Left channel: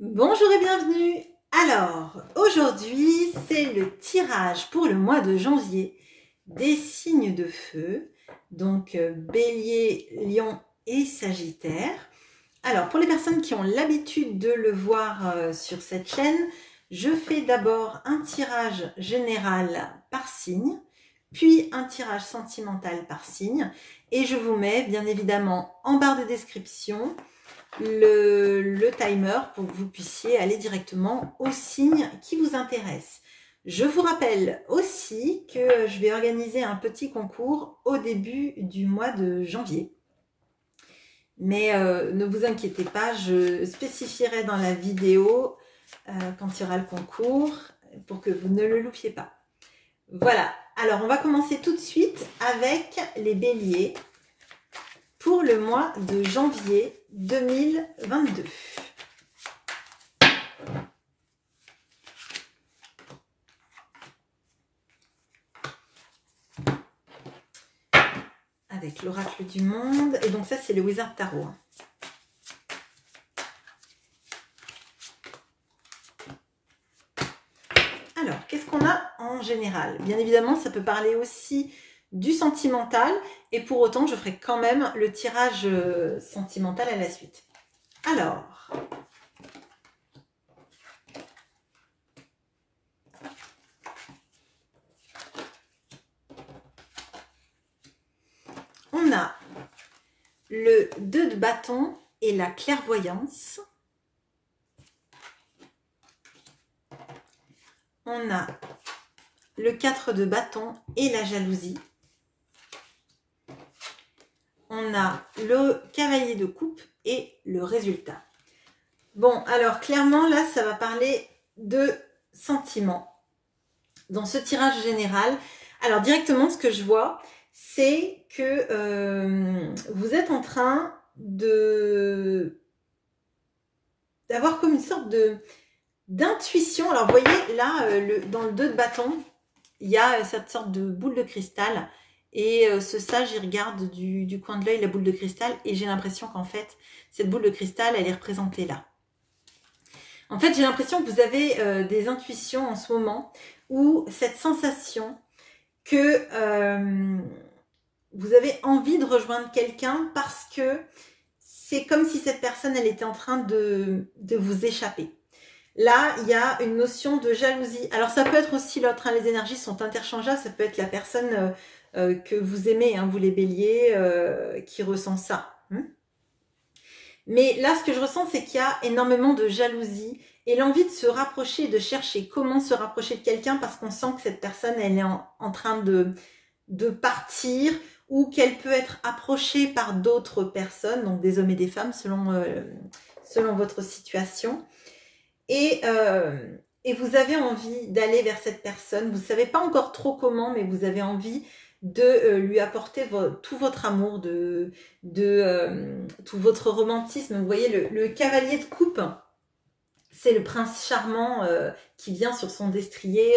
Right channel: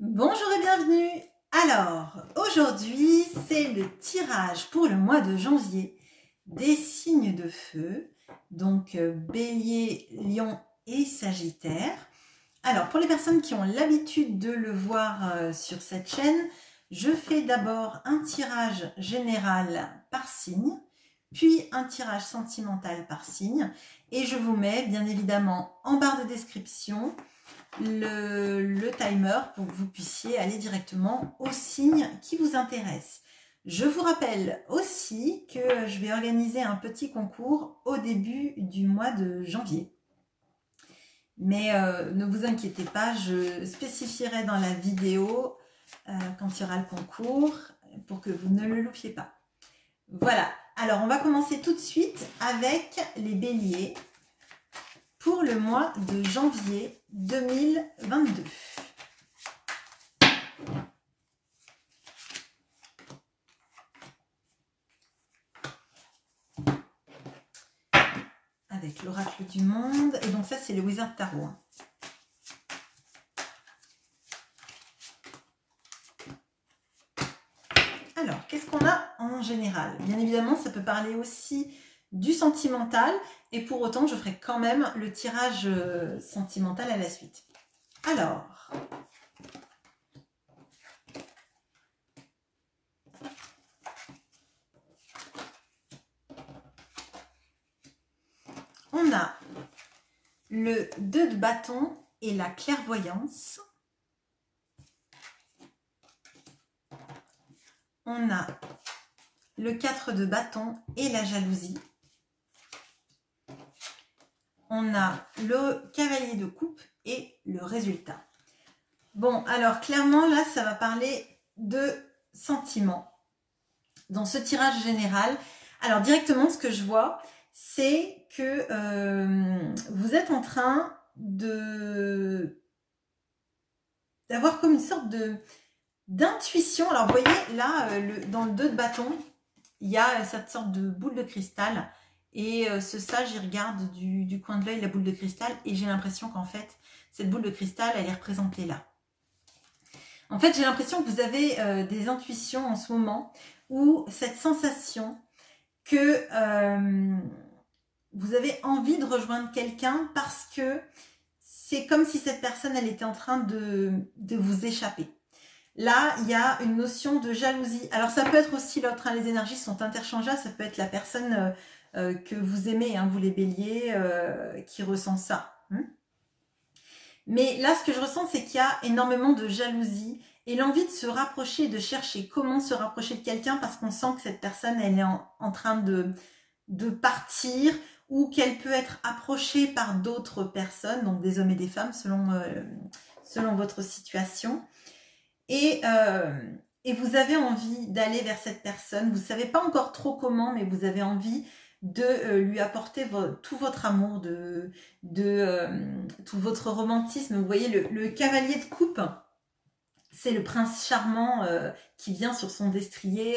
Bonjour et bienvenue. Alors, aujourd'hui, c'est le tirage pour le mois de janvier des signes de feu, donc Bélier, Lion et Sagittaire. Alors, pour les personnes qui ont l'habitude de le voir sur cette chaîne, je fais d'abord un tirage général par signe, puis un tirage sentimental par signe, et je vous mets bien évidemment en barre de description le timer pour que vous puissiez aller directement au signe qui vous intéresse. Je vous rappelle aussi que je vais organiser un petit concours au début du mois de janvier. Mais ne vous inquiétez pas, je spécifierai dans la vidéo quand il y aura le concours pour que vous ne le loupiez pas. Voilà, alors on va commencer tout de suite avec les béliers pour le mois de janvier 2022. Avec l'oracle du monde. Et donc ça, c'est le Wizard Tarot. Alors, qu'est-ce qu'on a en général? Bien évidemment, ça peut parler aussi du sentimental. Et pour autant, je ferai quand même le tirage sentimental à la suite. Alors... on a le 2 de bâton et la clairvoyance. On a le 4 de bâton et la jalousie. On a le cavalier de coupe et le résultat. Bon, alors clairement, là, ça va parler de sentiments. Dans ce tirage général, alors directement, ce que je vois, c'est que vous êtes en train d'avoir comme une sorte d'intuition. Alors, vous voyez, là, dans le 2 de bâton, il y a cette sorte de boule de cristal. Et ce sage, il regarde du coin de l'œil la boule de cristal. Et j'ai l'impression qu'en fait, cette boule de cristal, elle est représentée là. En fait, j'ai l'impression que vous avez des intuitions en ce moment ou cette sensation que vous avez envie de rejoindre quelqu'un parce que c'est comme si cette personne, elle était en train de vous échapper. Là, il y a une notion de jalousie. Alors, ça peut être aussi l'autre, hein, les énergies sont interchangeables. Ça peut être la personne que vous aimez, hein, vous les béliers, qui ressent ça. Mais là, ce que je ressens, c'est qu'il y a énormément de jalousie et l'envie de se rapprocher, de chercher comment se rapprocher de quelqu'un parce qu'on sent que cette personne, elle est en train de partir ou qu'elle peut être approchée par d'autres personnes, donc des hommes et des femmes selon votre situation. Et vous avez envie d'aller vers cette personne, vous ne savez pas encore trop comment, mais vous avez envie de lui apporter tout votre amour, tout votre romantisme. Vous voyez, le cavalier de coupe, c'est le prince charmant qui vient sur son destrier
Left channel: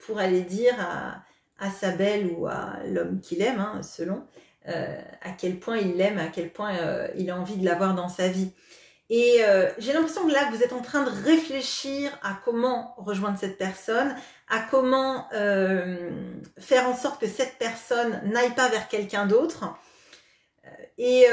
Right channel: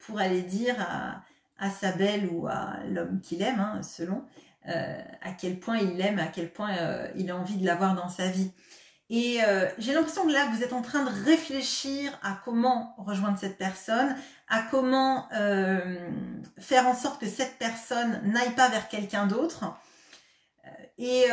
pour aller dire à sa belle ou à l'homme qu'il aime, hein, selon à quel point il l'aime, à quel point il a envie de l'avoir dans sa vie. Et j'ai l'impression que là, vous êtes en train de réfléchir à comment rejoindre cette personne, à comment faire en sorte que cette personne n'aille pas vers quelqu'un d'autre. Et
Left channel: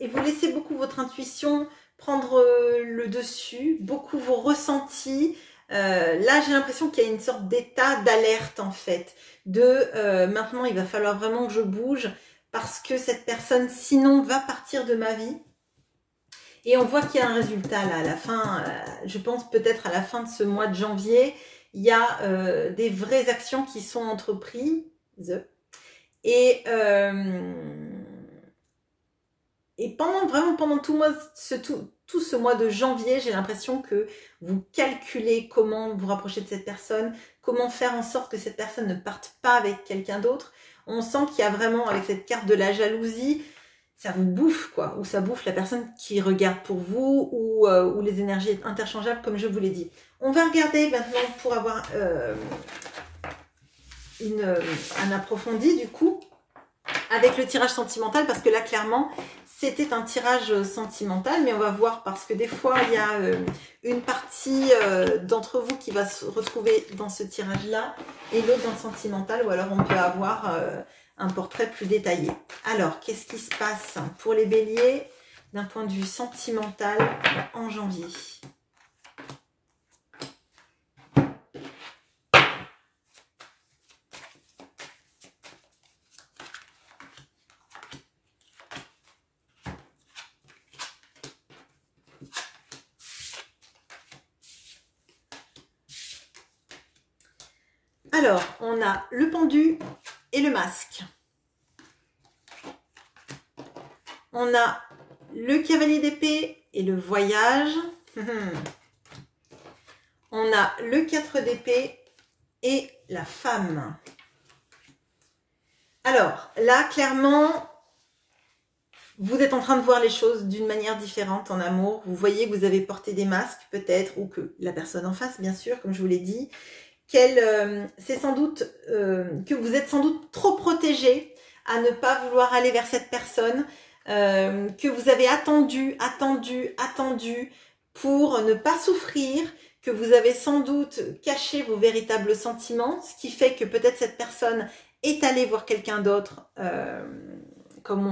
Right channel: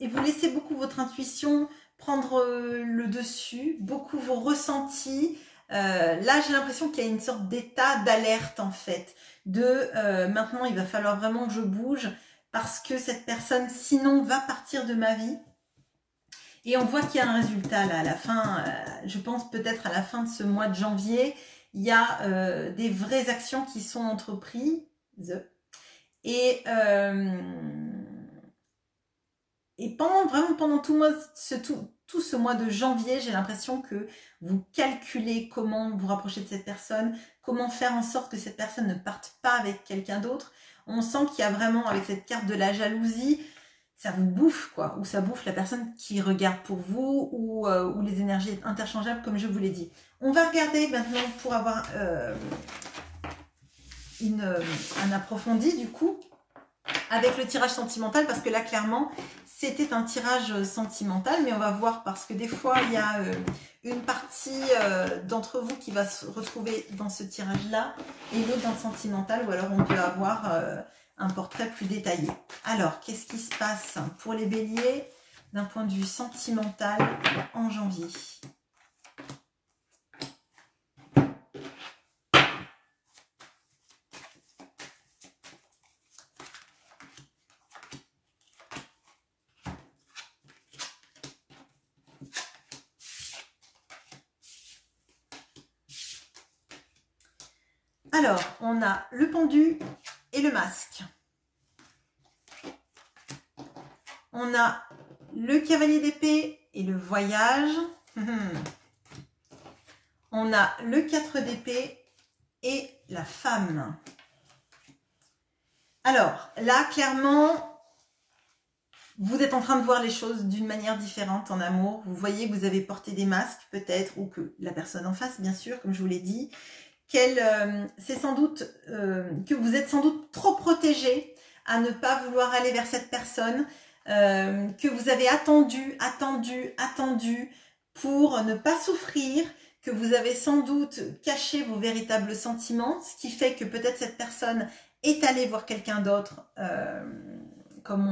vous laissez beaucoup votre intuition prendre le dessus, beaucoup vos ressentis. Là, j'ai l'impression qu'il y a une sorte d'état d'alerte en fait. Maintenant, il va falloir vraiment que je bouge parce que cette personne, sinon, va partir de ma vie. Et on voit qu'il y a un résultat là, à la fin, je pense peut-être à la fin de ce mois de janvier, il y a des vraies actions qui sont entreprises. Et pendant tout ce mois de janvier, j'ai l'impression que vous calculez comment vous rapprocher de cette personne, comment faire en sorte que cette personne ne parte pas avec quelqu'un d'autre. On sent qu'il y a vraiment, avec cette carte de la jalousie, ça vous bouffe, quoi, ou ça bouffe la personne qui regarde pour vous, ou les énergies interchangeables, comme je vous l'ai dit. On va regarder maintenant pour avoir un approfondi, du coup, avec le tirage sentimental, parce que là, clairement, c'était un tirage sentimental, mais on va voir parce que des fois, il y a une partie d'entre vous qui va se retrouver dans ce tirage-là et l'autre dans le sentimental, ou alors on peut avoir un portrait plus détaillé. Alors, qu'est-ce qui se passe pour les béliers d'un point de vue sentimental en janvier ? Alors, on a le pendu et le masque. On a le cavalier d'épée et le voyage. On a le 4 d'épée et la femme. Alors, là, clairement, vous êtes en train de voir les choses d'une manière différente en amour. Vous voyez que vous avez porté des masques, peut-être, ou que la personne en face, bien sûr, comme je vous l'ai dit. C'est sans doute que vous êtes sans doute trop protégé à ne pas vouloir aller vers cette personne, que vous avez attendu pour ne pas souffrir, que vous avez sans doute caché vos véritables sentiments, ce qui fait que peut-être cette personne est allée voir quelqu'un d'autre, comme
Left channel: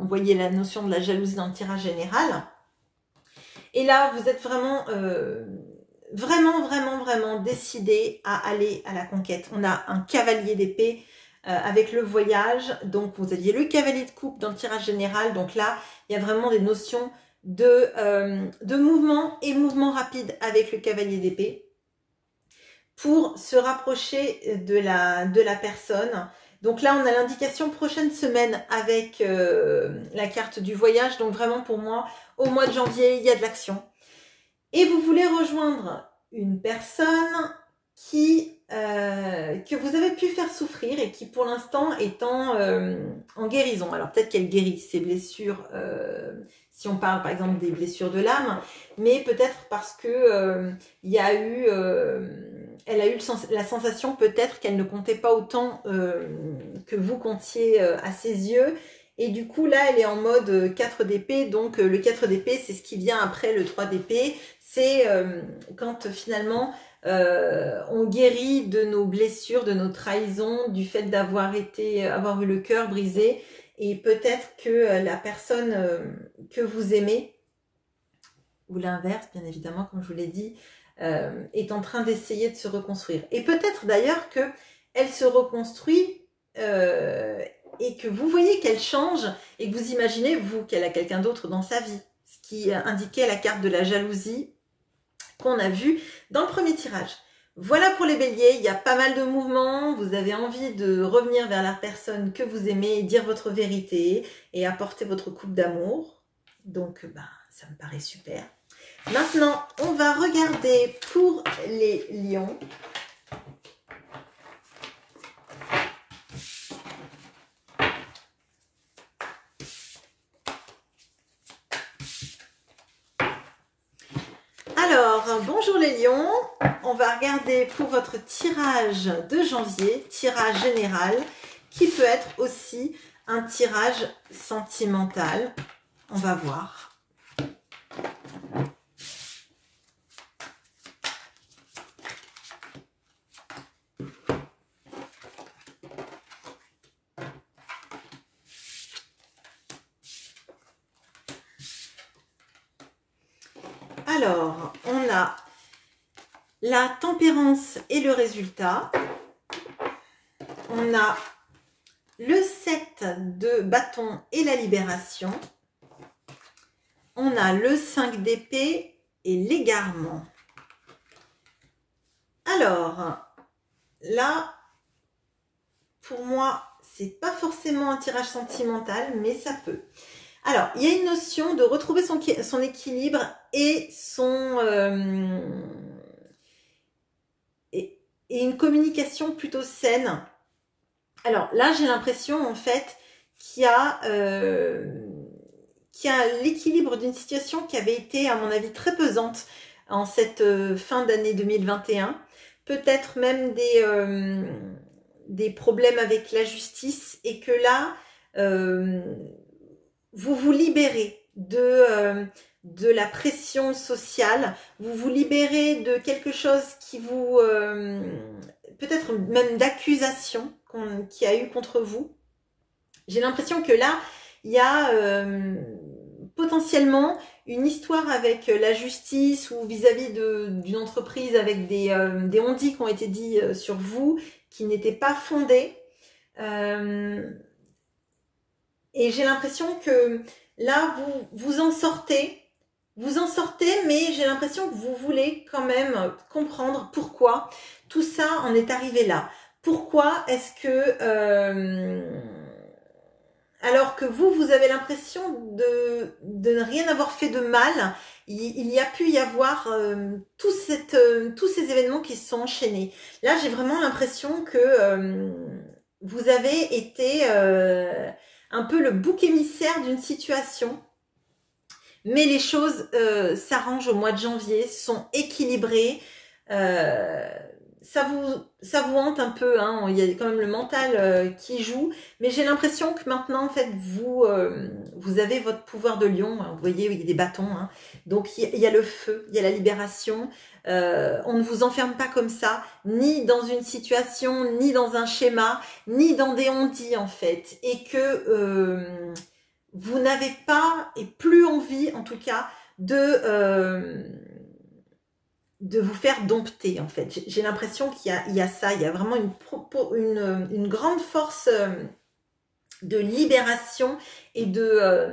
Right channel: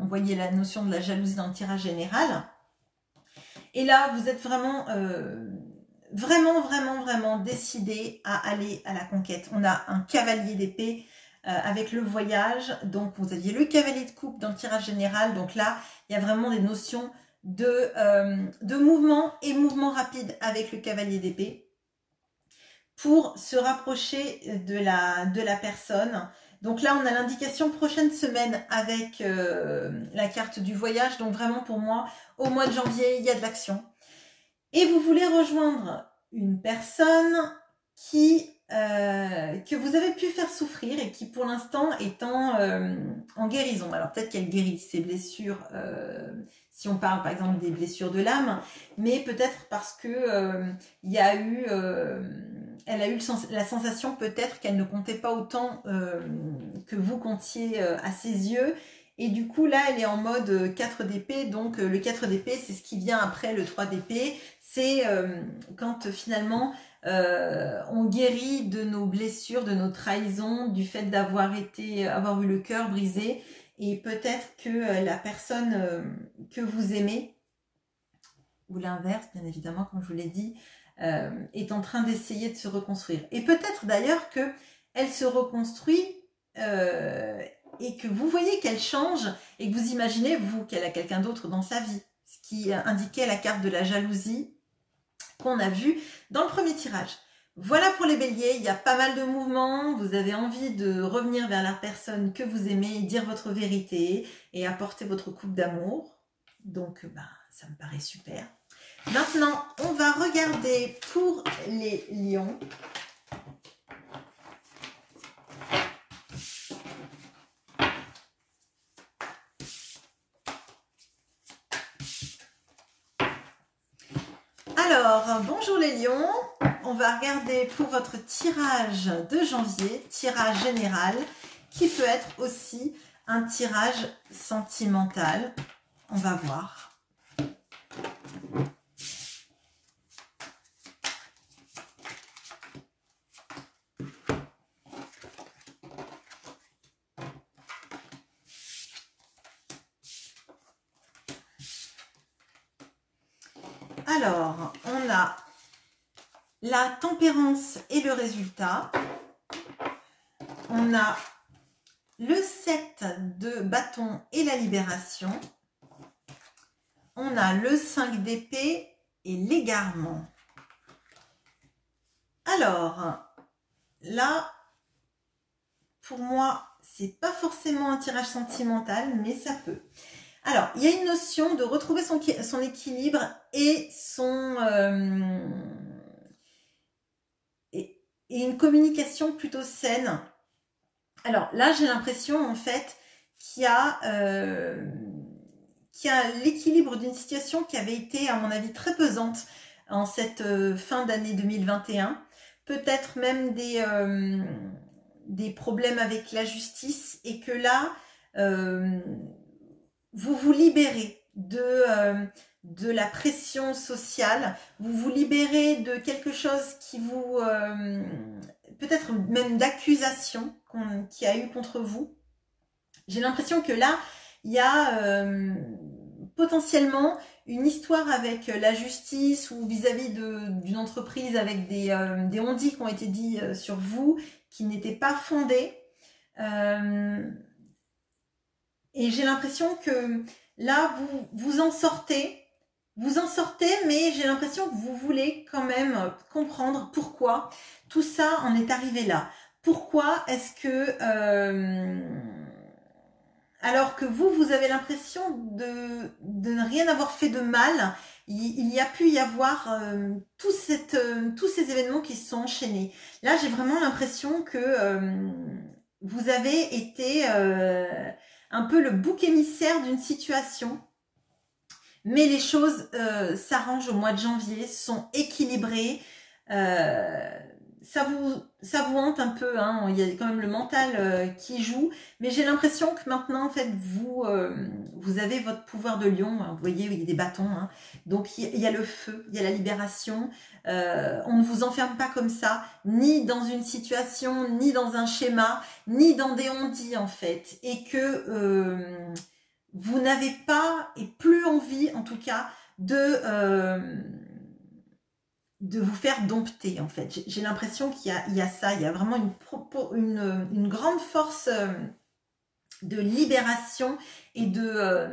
on voyait la notion de la jalousie dans le tirage général. Et là, vous êtes vraiment... vraiment décidé à aller à la conquête. On a un cavalier d'épée avec le voyage. Donc, vous aviez le cavalier de coupe dans le tirage général. Donc là, il y a vraiment des notions de mouvement et mouvement rapide avec le cavalier d'épée pour se rapprocher de la personne. Donc là, on a l'indication prochaine semaine avec la carte du voyage. Donc vraiment, pour moi, au mois de janvier, il y a de l'action. Et vous voulez rejoindre une personne que vous avez pu faire souffrir et qui pour l'instant est en guérison. Alors peut-être qu'elle guérit ses blessures, si on parle par exemple des blessures de l'âme, mais peut-être parce que elle a eu la sensation peut-être qu'elle ne comptait pas autant que vous comptiez à ses yeux. Et du coup, là, elle est en mode 4 d'épée. Donc, le 4 d'épée, c'est ce qui vient après le 3 d'épée. C'est quand finalement, on guérit de nos blessures, de nos trahisons, du fait d'avoir eu le cœur brisé. Et peut-être que la personne que vous aimez, ou l'inverse, bien évidemment, comme je vous l'ai dit, est en train d'essayer de se reconstruire. Et peut-être d'ailleurs qu'elle se reconstruit et que vous voyez qu'elle change et que vous imaginez, vous, qu'elle a quelqu'un d'autre dans sa vie. Ce qui indiquait la carte de la jalousie qu'on a vue dans le premier tirage. Voilà pour les béliers, il y a pas mal de mouvements, vous avez envie de revenir vers la personne que vous aimez et dire votre vérité et apporter votre coupe d'amour. Donc, ça me paraît super. Maintenant, on va regarder pour les lions. Alors, bonjour les lions, on va regarder pour votre tirage de janvier, tirage général, qui peut être aussi un tirage sentimental. On va voir. Alors, on a la tempérance et le résultat. On a le 7 de bâton et la libération. On a le 5 d'épée et l'égarement. Alors, là, pour moi, c'est pas forcément un tirage sentimental, mais ça peut. Alors, il y a une notion de retrouver son équilibre et et une communication plutôt saine. Alors là, j'ai l'impression en fait qu'il y a l'équilibre d'une situation qui avait été, à mon avis, très pesante en cette fin d'année 2021. Peut-être même des problèmes avec la justice et que là... vous vous libérez de la pression sociale, vous vous libérez de quelque chose qui vous, peut-être même d'accusation qu'il y a eu contre vous. J'ai l'impression que là, il y a potentiellement une histoire avec la justice ou vis-à-vis d'une entreprise avec des on-dit qui ont été dits sur vous, qui n'étaient pas fondés. Et j'ai l'impression que là, vous en sortez, mais j'ai l'impression que vous voulez quand même comprendre pourquoi tout ça en est arrivé là. Pourquoi est-ce que, alors que vous avez l'impression de ne rien avoir fait de mal, il y a pu y avoir tous ces événements qui se sont enchaînés. Là, j'ai vraiment l'impression que vous avez été un peu le bouc émissaire d'une situation. Mais les choses s'arrangent au mois de janvier, sont équilibrées. Ça vous hante un peu, hein, il y a quand même le mental qui joue. Mais j'ai l'impression que maintenant, en fait, vous avez votre pouvoir de lion. Vous voyez, il y a des bâtons. Hein. Donc, il y a le feu, il y a la libération. On ne vous enferme pas comme ça, ni dans une situation, ni dans un schéma, ni dans des on-dit, en fait. Et que vous n'avez pas et plus envie, en tout cas, de vous faire dompter, en fait. J'ai l'impression qu'il y a ça, il y a vraiment une grande force de libération et de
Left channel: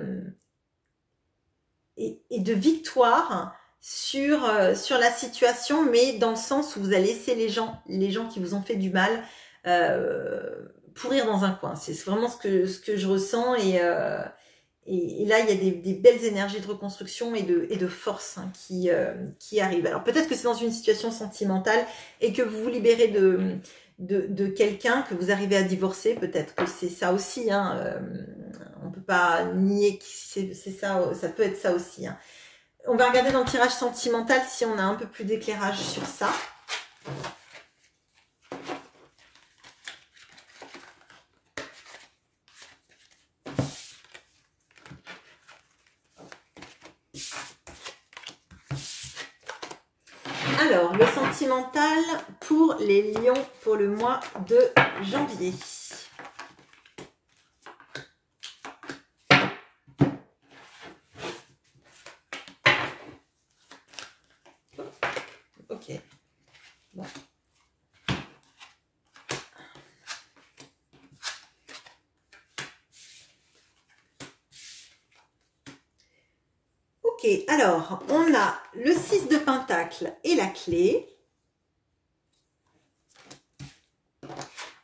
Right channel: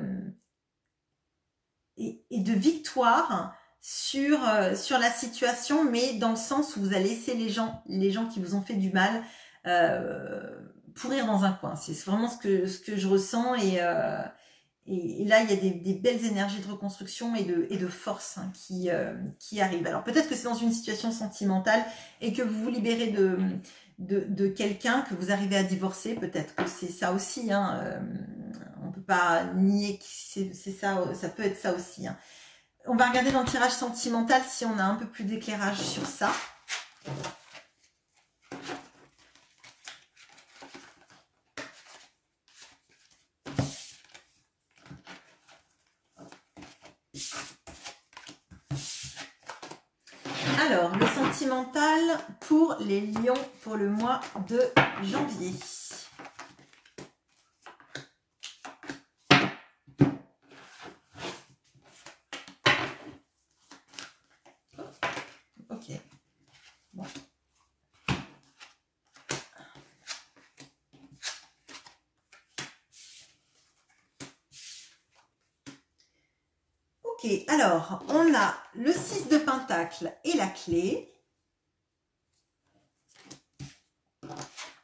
victoire sur la situation, mais dans le sens où vous allez laisser les gens qui vous ont fait du mal pourrir dans un coin. C'est vraiment ce que je ressens et là, il y a des belles énergies de reconstruction et de force hein, qui arrivent. Alors peut-être que c'est dans une situation sentimentale et que vous vous libérez de quelqu'un, que vous arrivez à divorcer. Peut-être que c'est ça aussi. Hein, on ne peut pas nier que c'est ça, ça peut être ça aussi. Hein. On va regarder dans le tirage sentimental si on a un peu plus d'éclairage sur ça. Alors, le sentimental pour les lions pour le mois de janvier. Ok. Bon. Ok, alors, on a le 6 de Pentacle et la clé.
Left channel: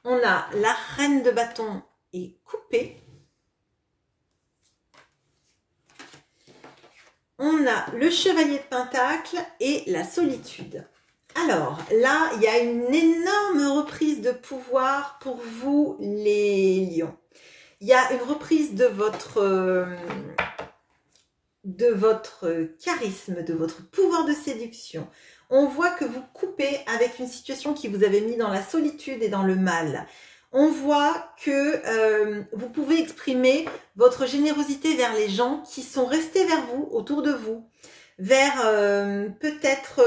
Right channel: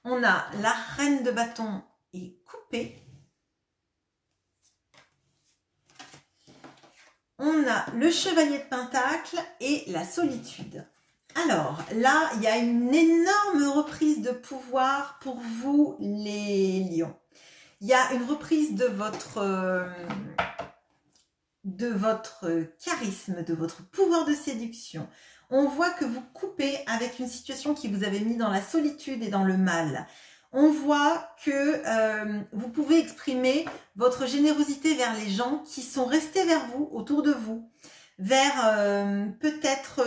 On a la reine de bâton et coupée. On a le chevalier de Pentacle et la solitude. Alors, là, il y a une énorme reprise de pouvoir pour vous, les lions. Il y a une reprise de votre charisme, de votre pouvoir de séduction. On voit que vous coupez avec une situation qui vous avait mis dans la solitude et dans le mal. On voit que vous pouvez exprimer votre générosité vers les gens qui sont restés vers vous, autour de vous, vers peut-être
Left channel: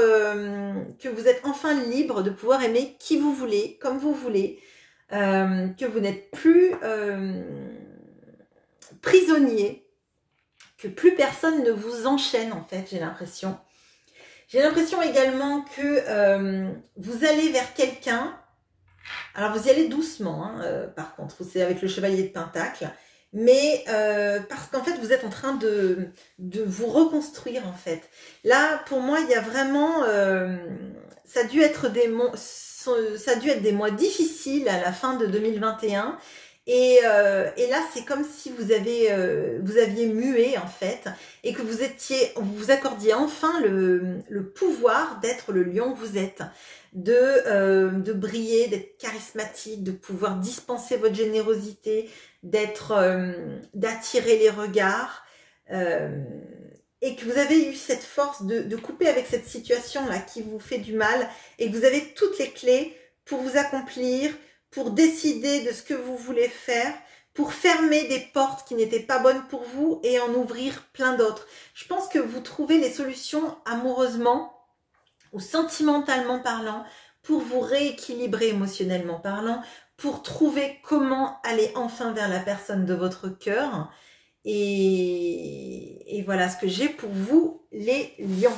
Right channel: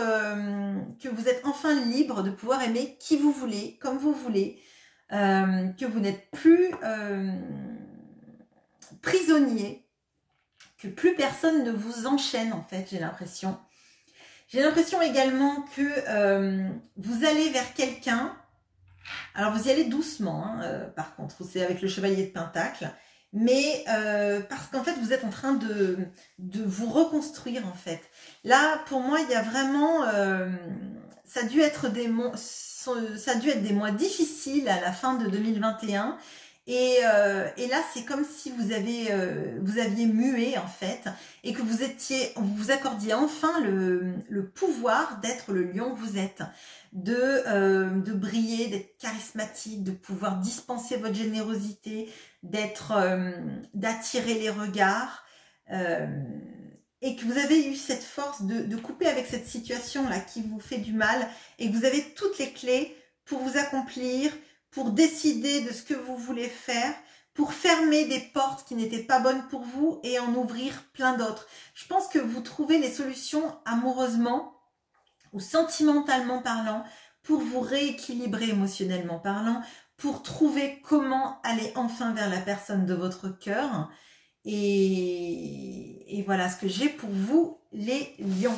que vous êtes enfin libre de pouvoir aimer qui vous voulez, comme vous voulez, que vous n'êtes plus prisonnier, que plus personne ne vous enchaîne en fait, j'ai l'impression. J'ai l'impression également que vous allez vers quelqu'un. Alors, vous y allez doucement, hein, par contre, c'est avec le chevalier de Pentacle. Mais parce qu'en fait, vous êtes en train de vous reconstruire, en fait. Là, pour moi, il y a vraiment... ça a dû être des mois difficiles à la fin de 2021. Et là, c'est comme si vous aviez mué, en fait, et que vous accordiez enfin le pouvoir d'être le lion que vous êtes, de briller, d'être charismatique, de pouvoir dispenser votre générosité, d'attirer les regards, et que vous avez eu cette force de couper avec cette situation-là qui vous fait du mal, et que vous avez toutes les clés pour vous accomplir, pour décider de ce que vous voulez faire, pour fermer des portes qui n'étaient pas bonnes pour vous et en ouvrir plein d'autres. Je pense que vous trouvez les solutions amoureusement ou sentimentalement parlant pour vous rééquilibrer émotionnellement parlant, pour trouver comment aller enfin vers la personne de votre cœur. Et voilà ce que j'ai pour vous, les lions.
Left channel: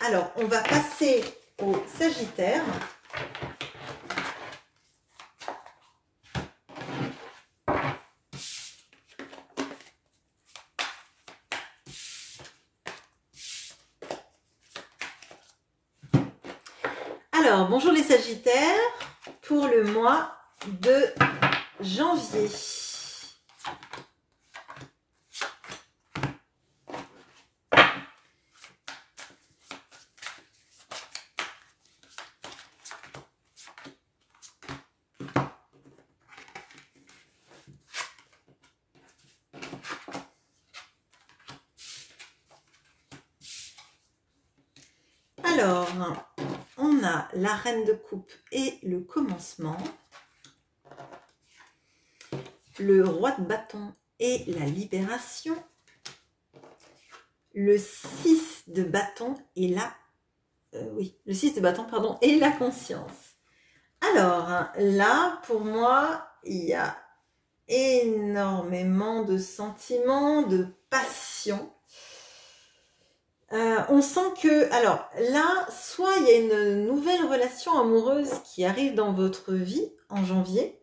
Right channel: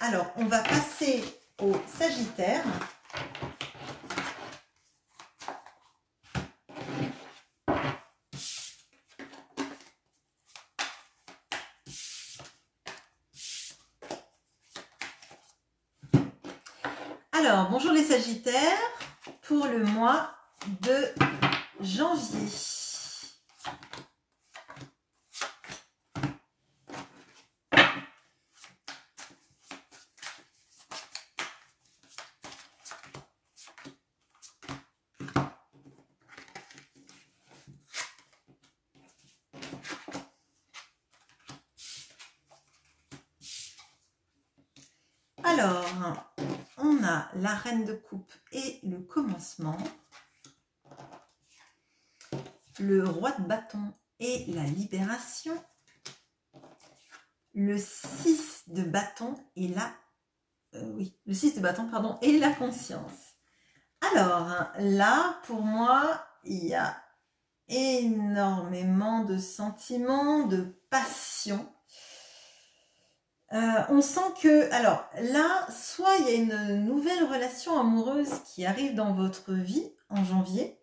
Alors, on va passer au Sagittaire. Alors, bonjour les Sagittaires, pour le mois de janvier. Alors, on a la reine de coupe et le commencement, le roi de bâton et la libération, le 6 de bâton et la le 6 de bâton, pardon, et la conscience. Alors, là, pour moi, il y a énormément de sentiments, de passion. On sent que, alors là, soit il y a une nouvelle relation amoureuse qui arrive dans votre vie en janvier,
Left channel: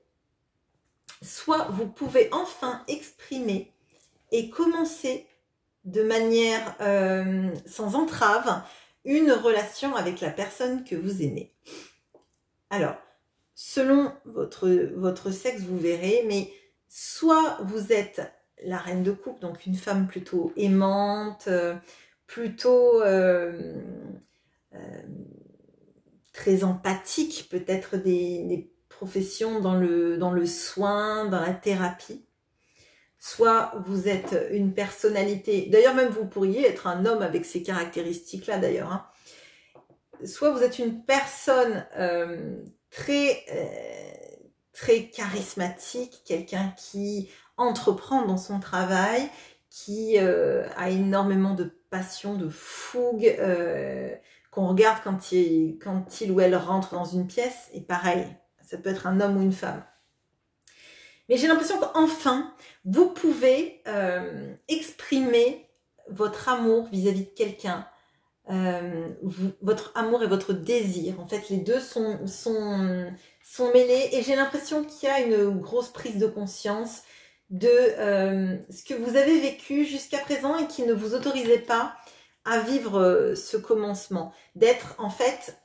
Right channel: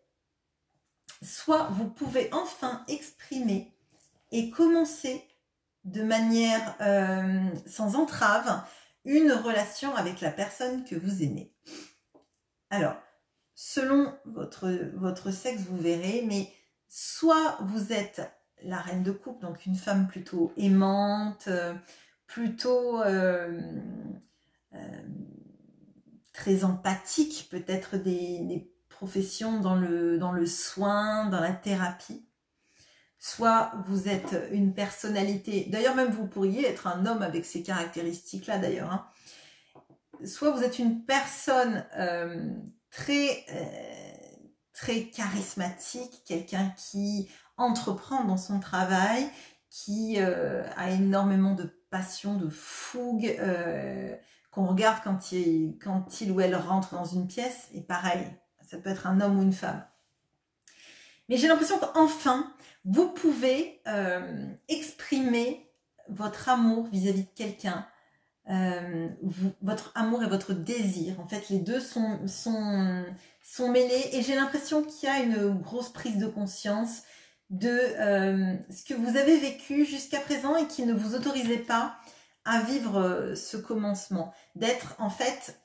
soit vous pouvez enfin exprimer et commencer de manière sans entrave une relation avec la personne que vous aimez. Alors, selon votre sexe, vous verrez, mais soit vous êtes la reine de coupe, donc une femme plutôt aimante, plutôt très empathique, peut-être des professions dans le soin, dans la thérapie. Soit vous êtes une personnalité, d'ailleurs même vous pourriez être un homme avec ces caractéristiques-là d'ailleurs, hein. Soit vous êtes une personne très charismatique, quelqu'un qui entreprend dans son travail, qui a énormément de passion, de fougue, qu'on regarde quand il ou elle rentre dans une pièce, et pareil, ça peut être un homme ou une femme. Mais j'ai l'impression qu'enfin, vous pouvez exprimer votre amour vis-à-vis de quelqu'un, votre amour et votre désir. En fait, les deux sont mêlés, et j'ai l'impression qu'il y a une grosse prise de conscience de ce que vous avez vécu jusqu'à présent et qui ne vous autorisait pas à vivre ce commencement, d'être en fait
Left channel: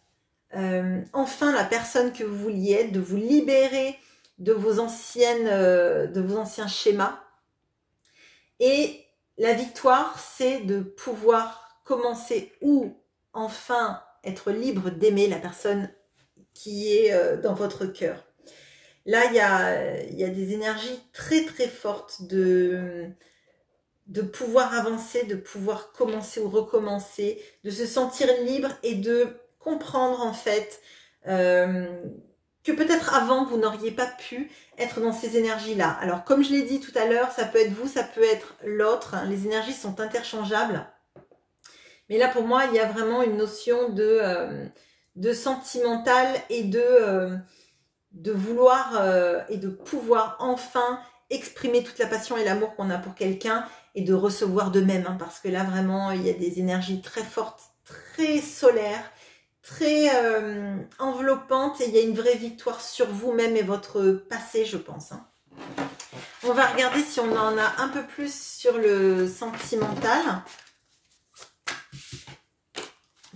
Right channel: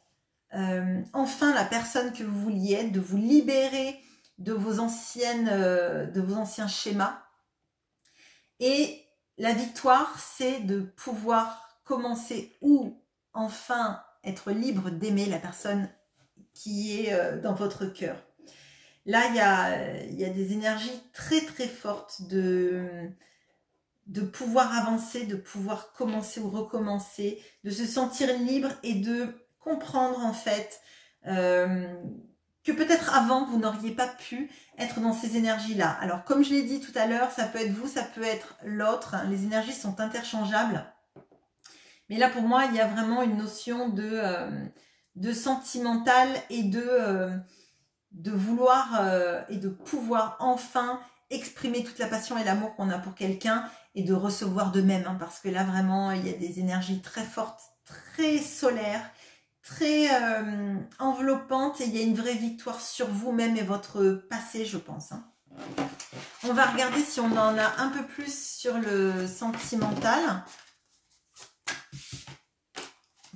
enfin la personne que vous vouliez être, de vous libérer de vos anciens schémas. Et la victoire, c'est de pouvoir commencer ou enfin être libre d'aimer la personne qui est dans votre cœur. Là, il y a des énergies très très fortes de pouvoir avancer, de pouvoir commencer ou recommencer, de se sentir libre et de comprendre en fait que peut-être avant vous n'auriez pas pu être dans ces énergies-là. Alors comme je l'ai dit tout à l'heure, ça peut être vous, ça peut être l'autre, les énergies sont interchangeables. Mais là pour moi, il y a vraiment une notion de sentimental et de vouloir et de pouvoir enfin exprimer toute la passion et l'amour qu'on a pour quelqu'un et de recevoir de même, hein, parce que là vraiment il y a des énergies très fortes, très solaires, très enveloppantes, et il y a une vraie victoire sur vous-même et votre passé, je pense, hein. On va regarder si on en a un peu plus sur le sentimental,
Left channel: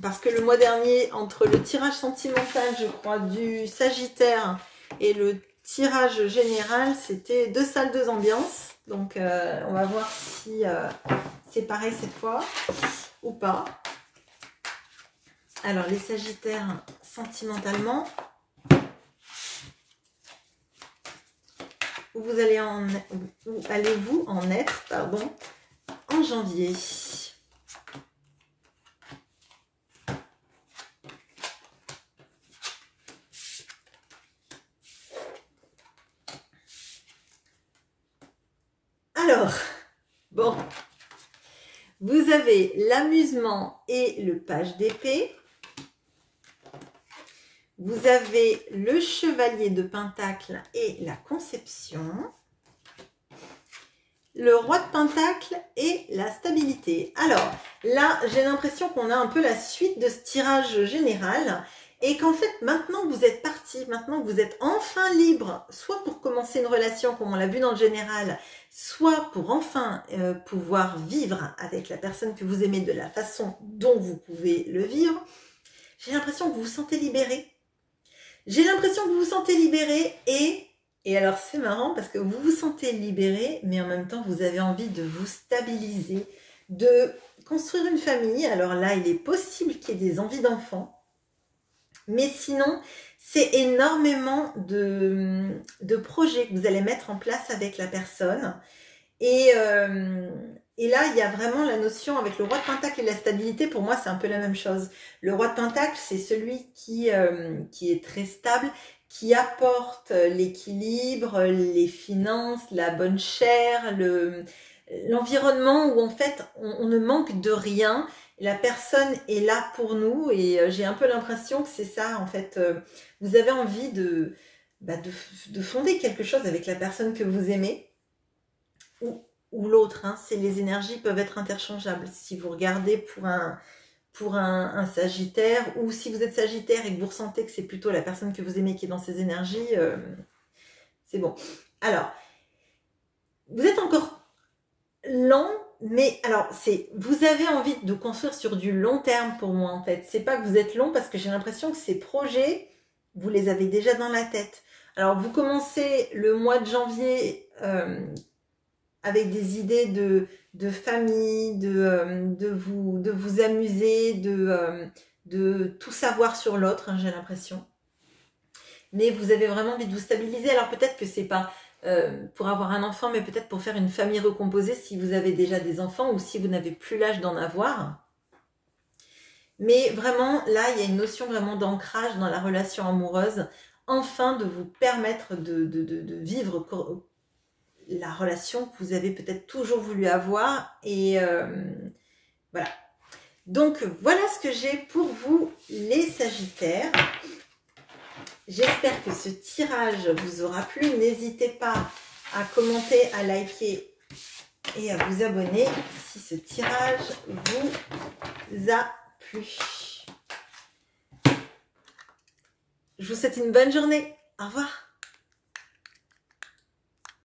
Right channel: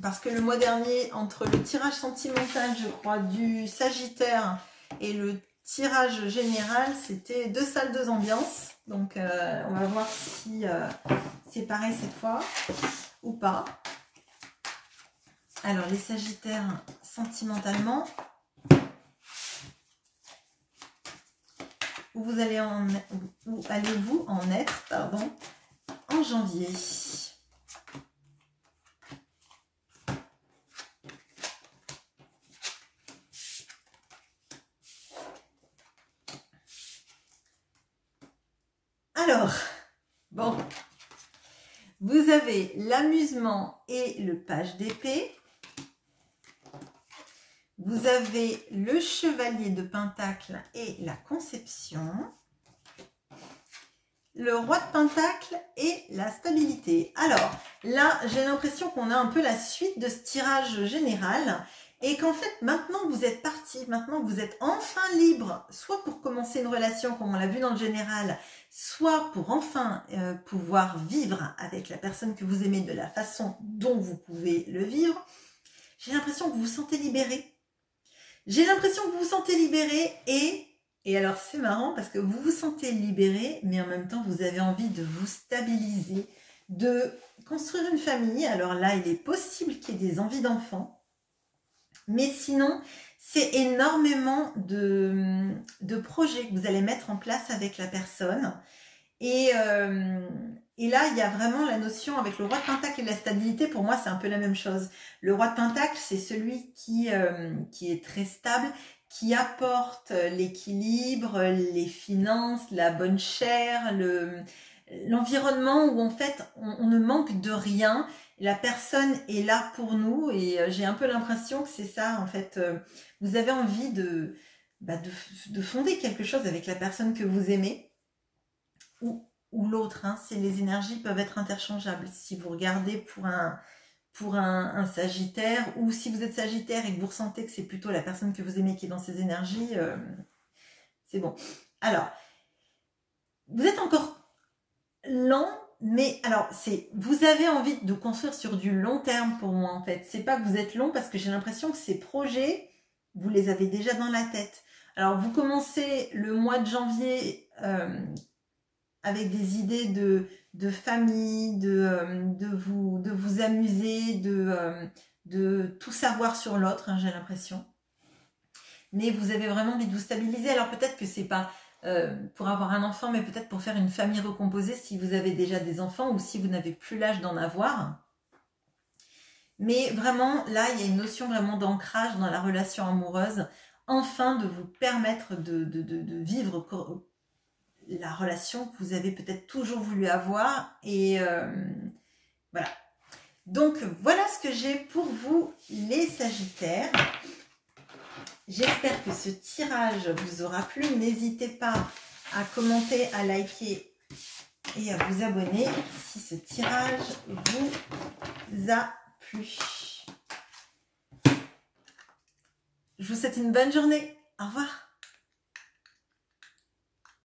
parce que le mois dernier, entre le tirage sentimental, je crois, du Sagittaire et le tirage général, c'était 2 salles, 2 ambiances. Donc, on va voir si c'est pareil cette fois ou pas. Alors, les Sagittaires, sentimentalement, où allez-vous en être, pardon, en janvier? Alors, bon, vous avez l'amusement et le page d'épée. Vous avez le chevalier de pentacle et la conception. Le roi de pentacle et la stabilité. Alors, là, j'ai l'impression qu'on a un peu la suite de ce tirage général et qu'en fait, maintenant que vous êtes parti, maintenant que vous êtes enfin libre, soit pour commencer une relation comme on l'a vu dans le général, soit pour enfin pouvoir vivre avec la personne que vous aimez de la façon dont vous pouvez le vivre, j'ai l'impression que vous vous sentez libéré. J'ai l'impression que vous vous sentez libéré et alors c'est marrant parce que vous vous sentez libéré, mais en même temps vous avez envie de vous stabiliser, de construire une famille. Alors là, il est possible qu'il y ait des envies d'enfants, mais sinon, c'est énormément de projets que vous allez mettre en place avec la personne. Et là, il y a vraiment la notion avec le roi de pentacle et la stabilité. Pour moi, c'est un peu la même chose. Le roi de pentacle, c'est celui qui est très stable, qui apporte l'équilibre, les finances, la bonne chère, l'environnement où en fait, on ne manque de rien. La personne est là pour nous et j'ai un peu l'impression que c'est ça, en fait. Vous avez envie de fonder quelque chose avec la personne que vous aimez. Ou l'autre, hein, c'est les énergies peuvent être interchangeables. Si vous regardez pour un Sagittaire, ou si vous êtes Sagittaire et que vous ressentez que c'est plutôt la personne que vous aimez qui est dans ces énergies, c'est bon. Alors, vous êtes encore lent, mais alors, vous avez envie de construire sur du long terme pour moi, en fait. C'est pas que vous êtes long, parce que j'ai l'impression que ces projets, vous les avez déjà dans la tête. Alors, vous commencez le mois de janvier avec des idées de famille, de vous amuser, de tout savoir sur l'autre, hein, j'ai l'impression. Mais vous avez vraiment envie de vous stabiliser. Alors peut-être que c'est pas pour avoir un enfant, mais peut-être pour faire une famille recomposée si vous avez déjà des enfants ou si vous n'avez plus l'âge d'en avoir. Mais vraiment, là, il y a une notion vraiment d'ancrage dans la relation amoureuse, enfin de vous permettre de vivre la relation que vous avez peut-être toujours voulu avoir. Et voilà. Donc, voilà ce que j'ai pour vous, les Sagittaires. J'espère que ce tirage vous aura plu. N'hésitez pas à commenter, à liker et à vous abonner si ce tirage vous a plu. Je vous souhaite une bonne journée. Au revoir.